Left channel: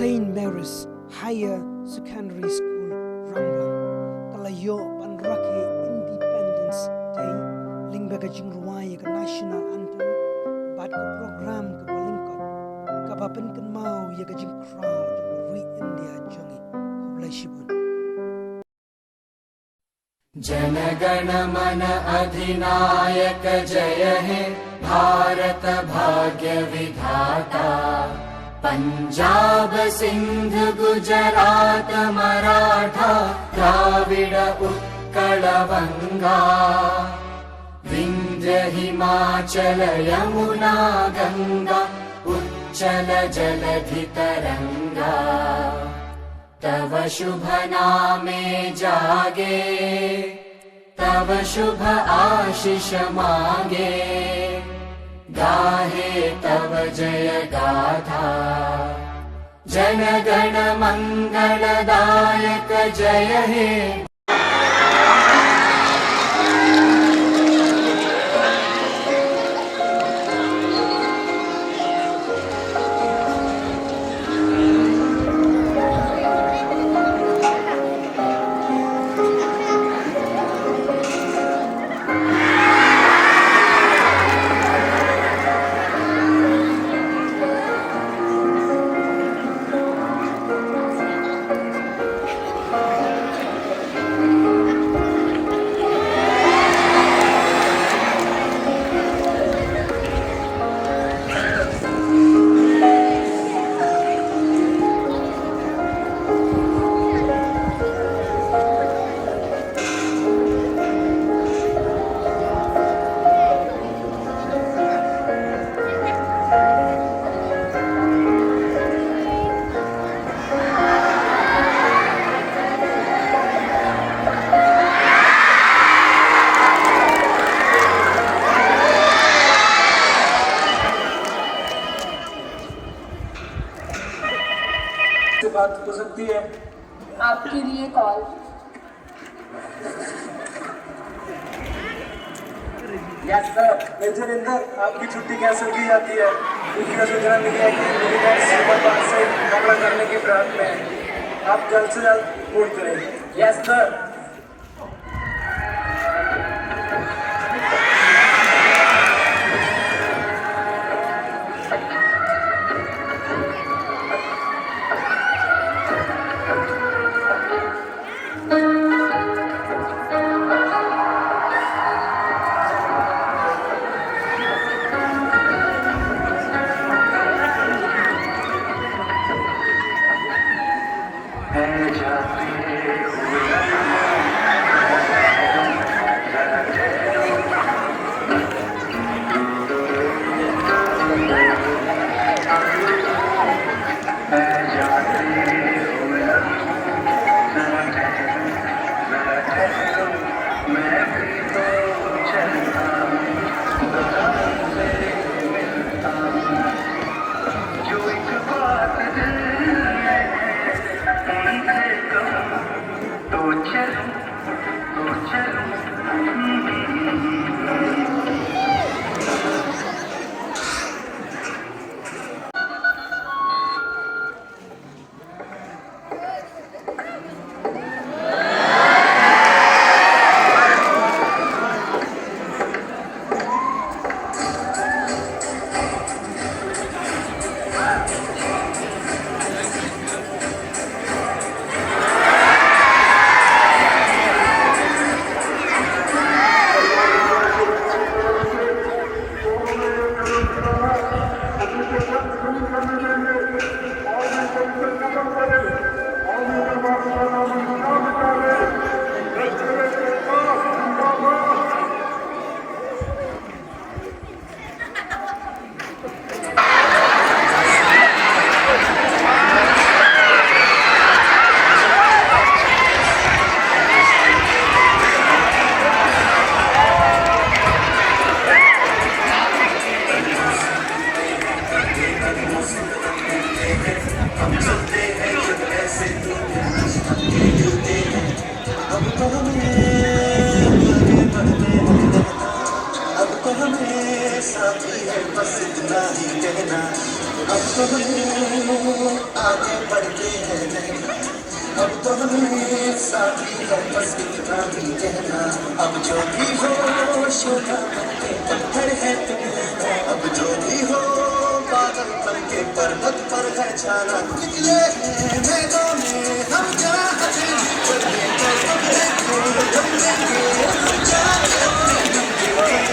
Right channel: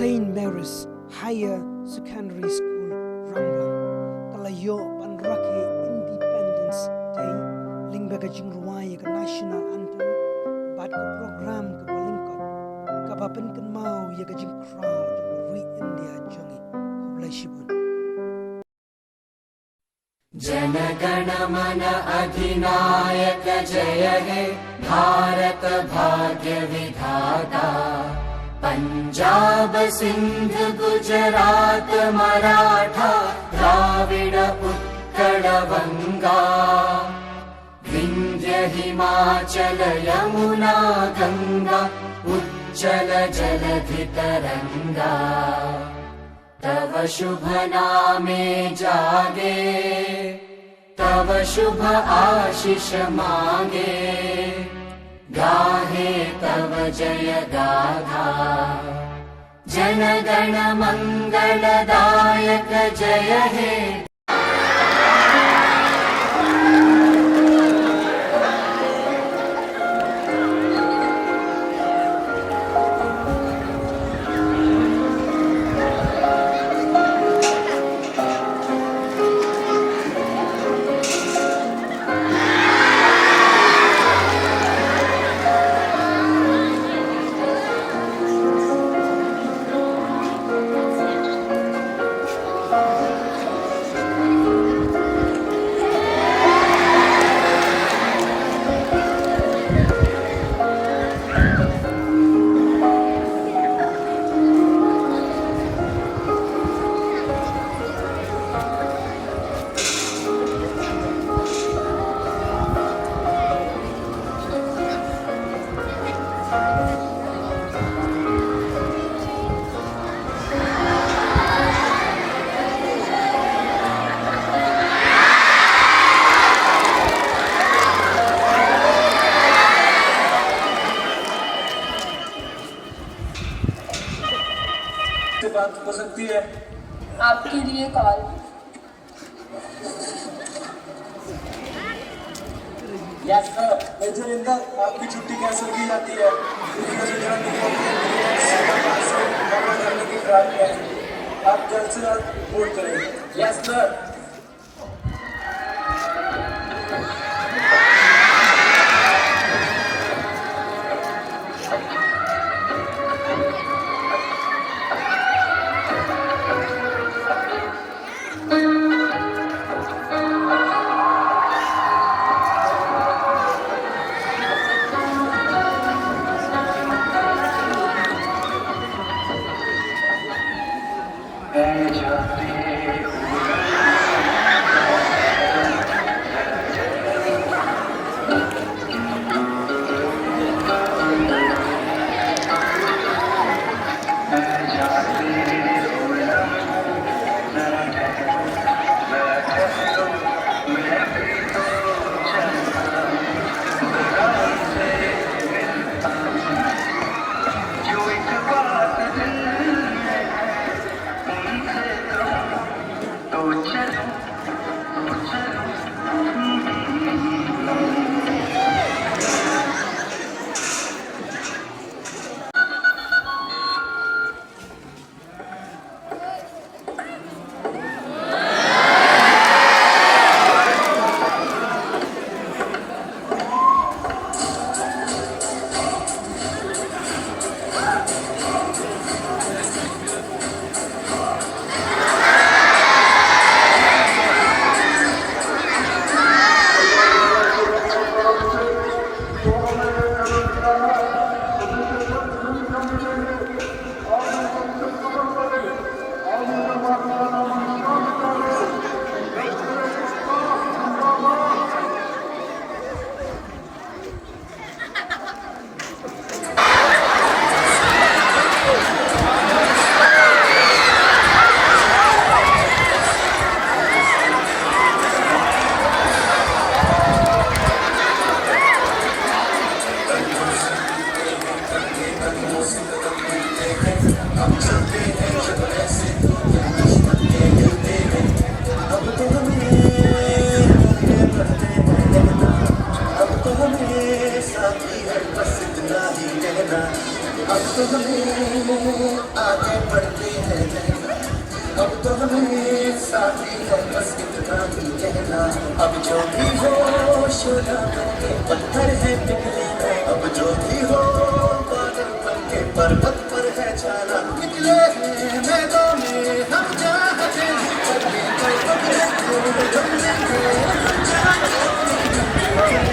St. Mary's Higher Secondary School Ranglang talayo panrake Independence Day lingbaga jingruai ka national anthem bat ka program ka balingkot ka bapen kan mau ya ka jing crowd re India jangi hoblai shibun जनगण मन अधिनायक जय हे भारत भाग्य विधाता पंजाब सिंध गुजरात मराठा द्राविड उत्कल गंगा विंध्य हिमाचल यमुना गंगा उच्चल जलधि तरंगा तव शुभ नामे जागे तव शुभ आशीष मांगे गाहे तव जय गाथा जन गण मंगलदायक जय हे बात हो सकती है आपके लिए call yes sir major Inder आपकी छुट्टी कैंसिल की जाती है दूसरा सूचना मिली है कि से हमला करने की फिराक में आप जल्द से जल्द रिपोर्ट करें यस सर तो हमें आगे बढ़ते हैं रहना, अब तो हमें साथी है बस इतना भी कहना। अब जो भी हो सोना बन के पत्थर है तुम, अब जो भी हो बादल बन के पर्वत पर है छाना। निकले हैं मैदान में हम चाहते ही करके हम देंगे हम चाहते अपनी।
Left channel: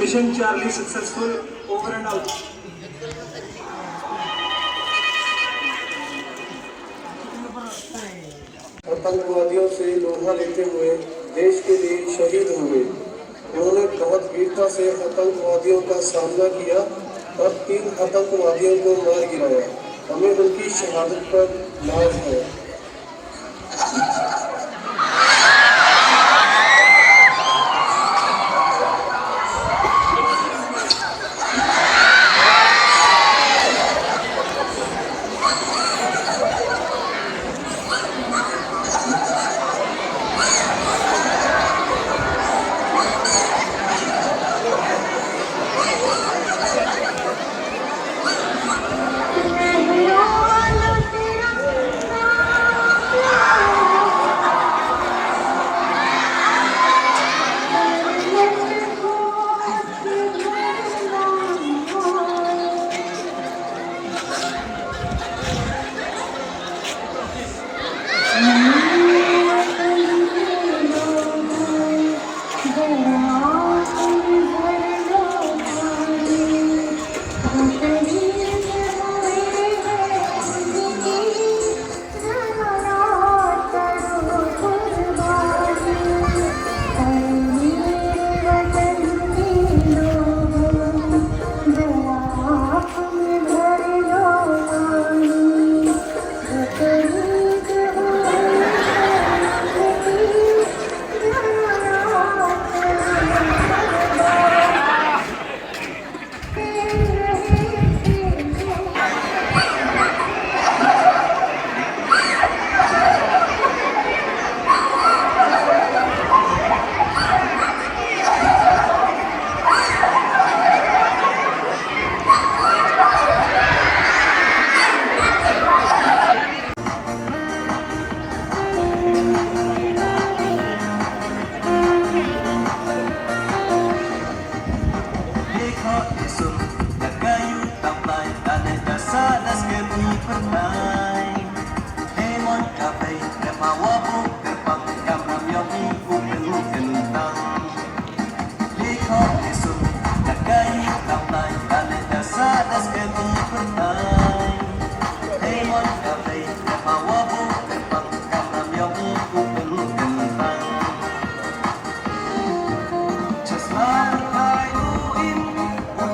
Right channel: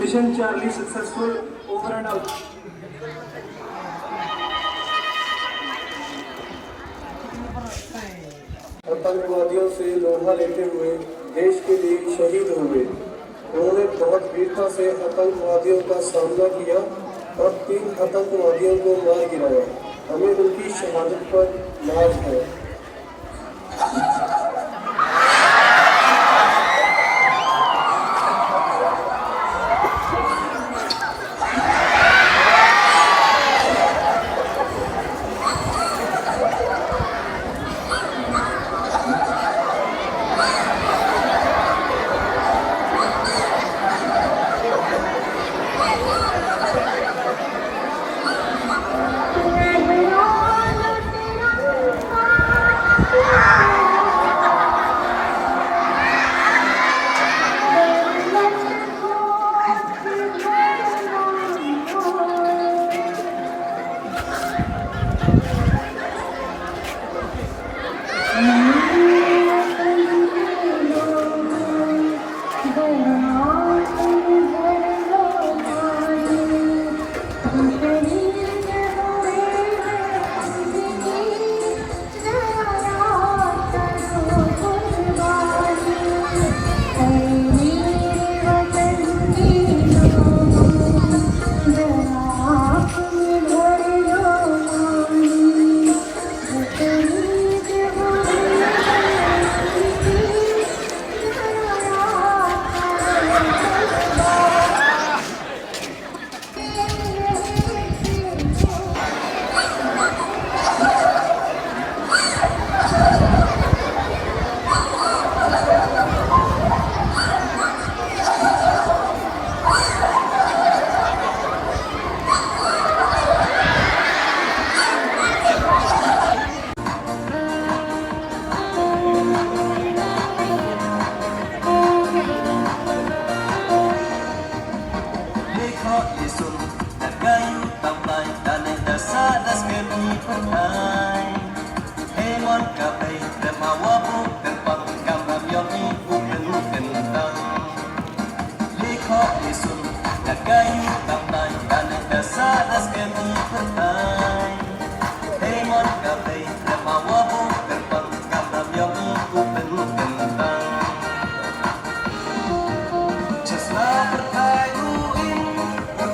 Mission Charlie successful, over and out. आतंकवादियों से लोहा लेते हुए देश के लिए शहीद हुए। उन्होंने बहुत वीरता से आतंकवादियों का सामना किया और 3 आतंकवादियों को मार गिराया। हमें उनकी शहादत पर नाज है।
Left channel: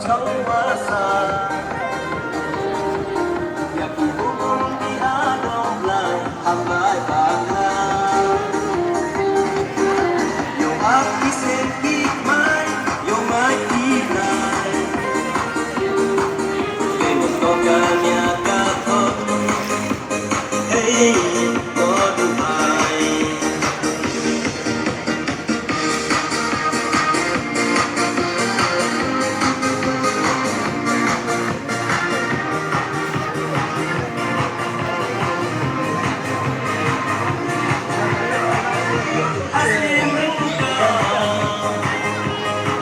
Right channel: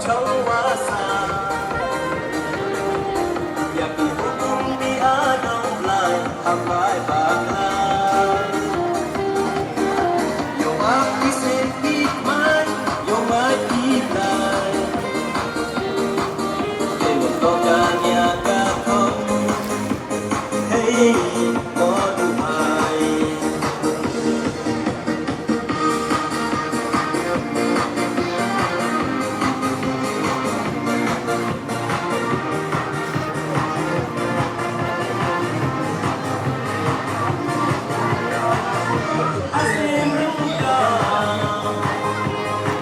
Chawasa Ya Ibukum di Adom Lai Hamai Bangla Yo Aki Sepik Mai Yo Mai Kinai Kewa Tokan Ya Kato Hey Modu Mai Asim Rinka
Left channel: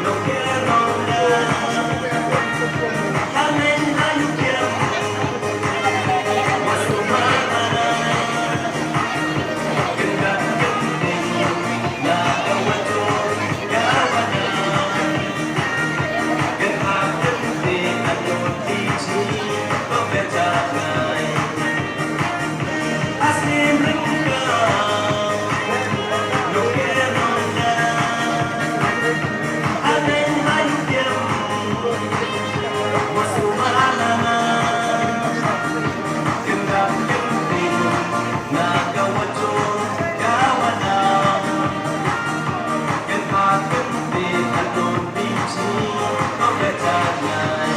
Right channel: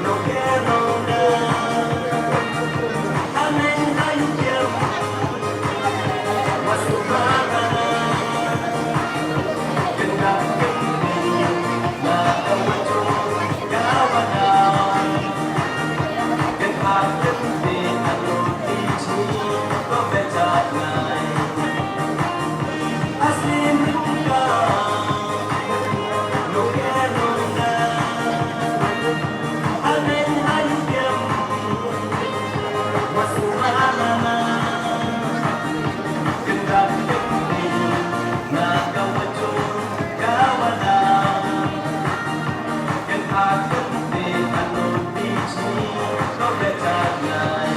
No Keronda Hanen Hayukyam Wasumana Gendak Genting Na Kawajo Gawana Genhak Genting Anun Tichi Kopetat Ngai Asim Rinka No Keronda Hanen Hayukyam Wasumana Gendak Genting Na Kawajo Gawana Genhak Genting Anun Tichi Kopetat Ngai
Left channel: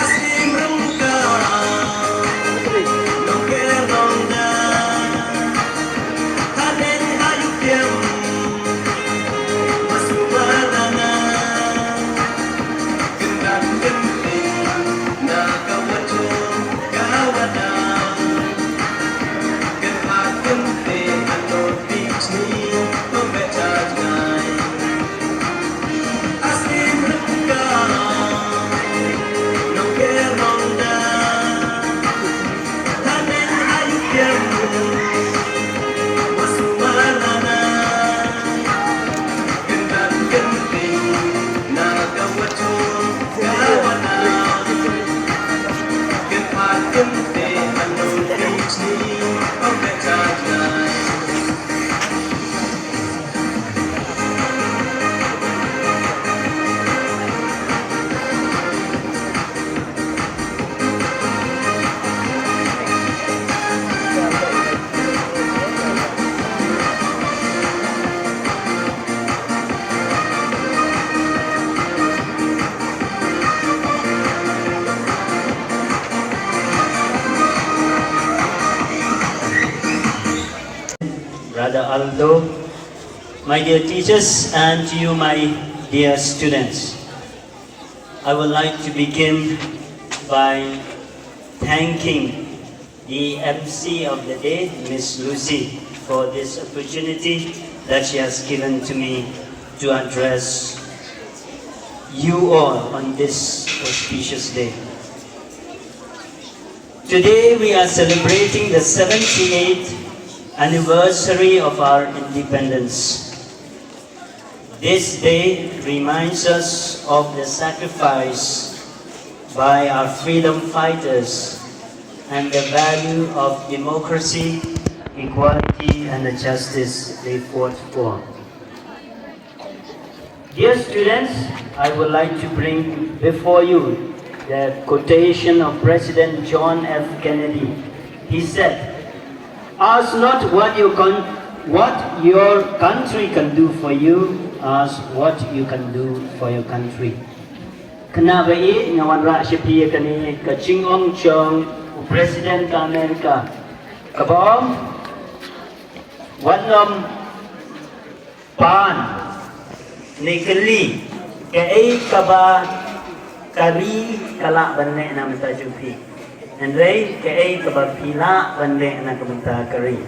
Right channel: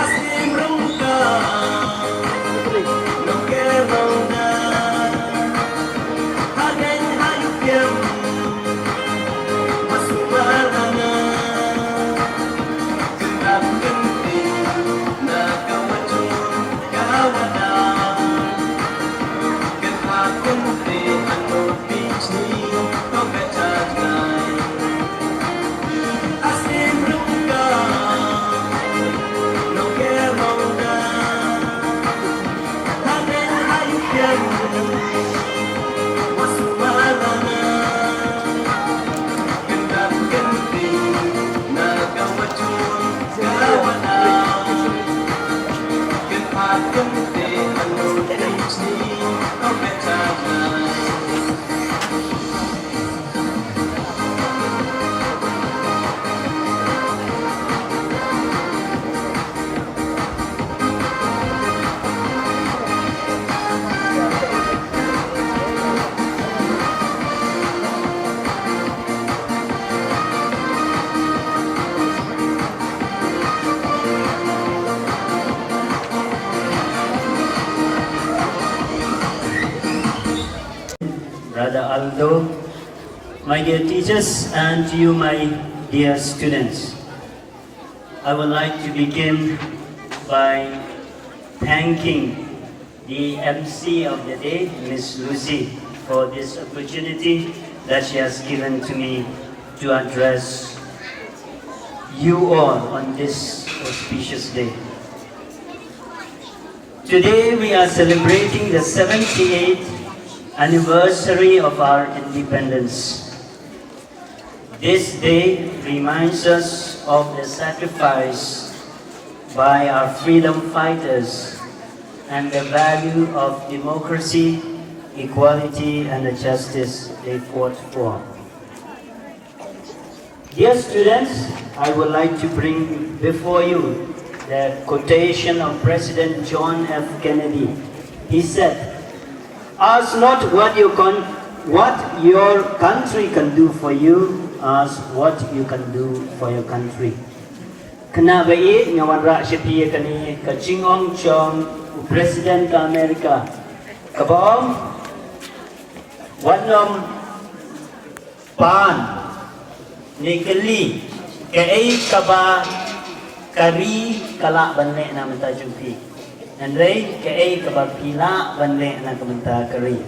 Asim Rinka No Keronda Hanen Hayukyam Wasumana Gendak Genting Na Kawajo Gawana Genhak Genting Anun Tichi Kopetat Ngai Asim Rinka No Keronda Hanen Hayukyam Wasumana Gendak Genting Na Kawajo Gawana Genhak Genting Anun Tichi Kopetat Ngai Brother Aldo, my dear teachers, and to you, my dear students. I would like to begin by thanking the MC of the day, Miss Lucy, for this opportunity that she has given to me to address you all on this auspicious day. Today we are celebrating the 78th anniversary of our independence. This day reminds us of the sacrifice by our freedom fighters and the value of democracy, equality, and the justice they fought for. Dear students, I would like to bring before you the quotation of President John F. Kennedy. He said, "Ask not what your country can do for you, ask what you can do for your country." Kena baik ngawan rak syapia kani kacing ong chong Presiden ka Amerika. Kabong wanom pan nikeli kei kaba kari kalak bande na menta jumpi. Andrei kei kaba pila bande na kamenta kari.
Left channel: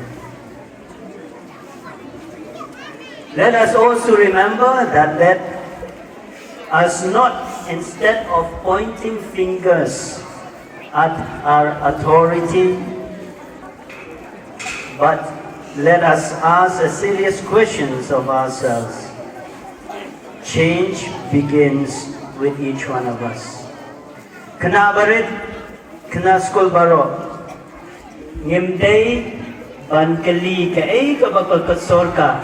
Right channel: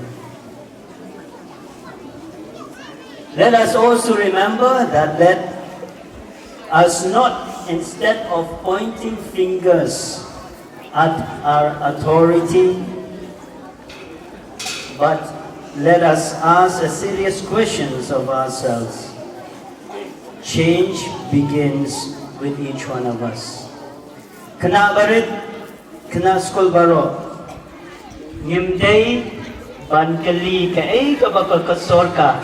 Let us also remember that let us not, instead of pointing fingers at our authority, but let us ask a serious questions of ourselves. Change begins with each one of us. Kena barit, kena skol baro. Ngimday ban kali kay kabakal kasorka.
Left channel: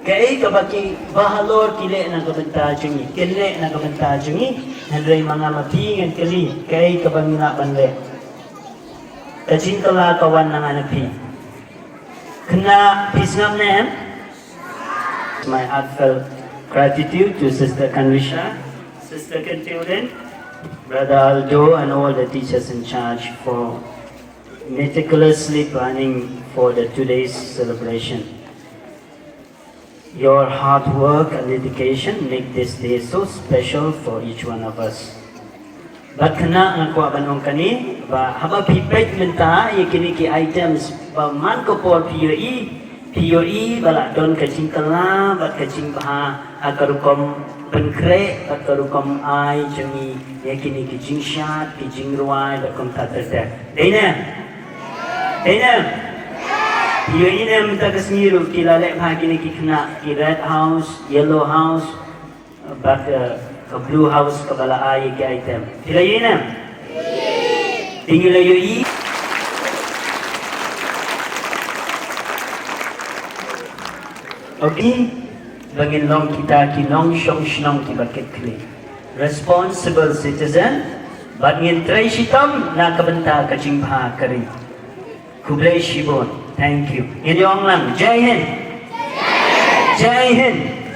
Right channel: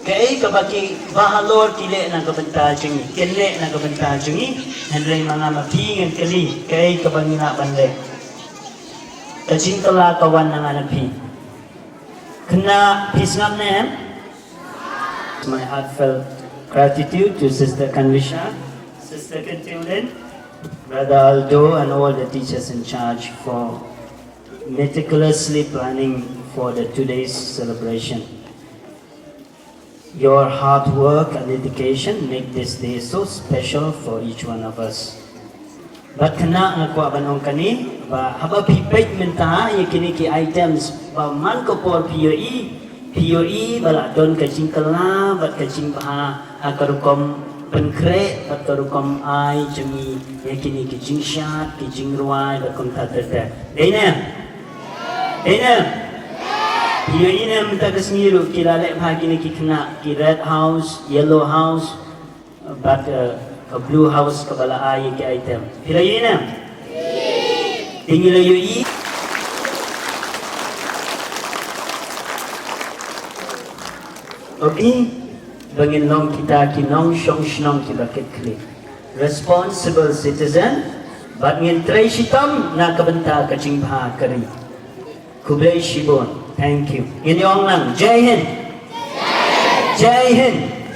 Kay kabaki bahalor kile ng kabantajungi, kile ng kabantajungi, handray mga mapingan kali, kay kabangina bande. Kajing kala kawan ng anapi. Kena pisngam na yan. My heartfelt gratitude to Sister Kanwisha, Sister Kentulin, Brother Aldo, and all the teachers in charge for meticulously planning for today's celebration. Your hard work and dedication make this day so special for each one of us. But kena nakuha banong kani, ba haba pipet menta kini ki items ba man ko po POE bala don kacing kala bat kacing ba akarukom pengkre akarukom ai jemi kini kicing shat kicing ruai bat kom tatata. Dena Iyo ina minta kasniru kilala bahagi ni kikna ki red house, yellow house, but a blue house kabala ay ki item. Kila ina. Tingil ayo i. Okay, bangin long kita ki long shong shnong ki bakit kli. Responsible citizen, but ngin tray shitam na kabanta kaching baha kari. Kublai shibon. Thank you. In your lang, Jai Hind. Jai Hind.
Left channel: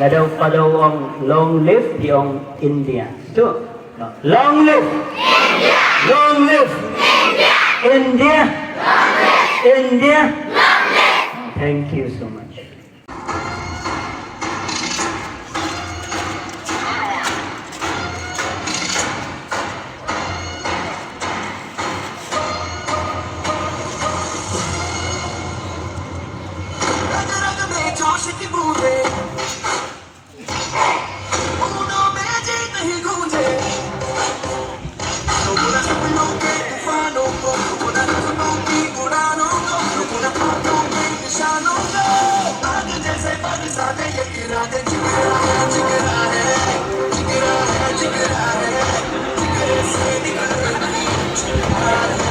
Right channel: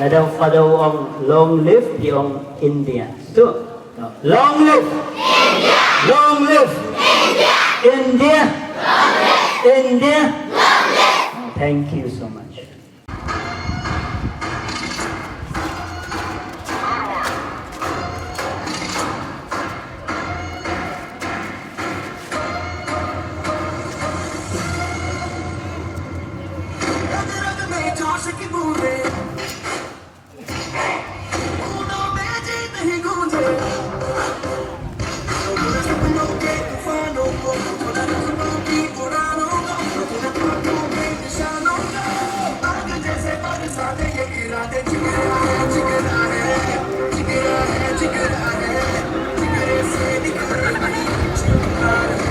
Ladaw padaw ang long live di ang India. Tu. Long live. India. Long live. India. India. Long live. India. Long live. Thank you so much. Jigra hai,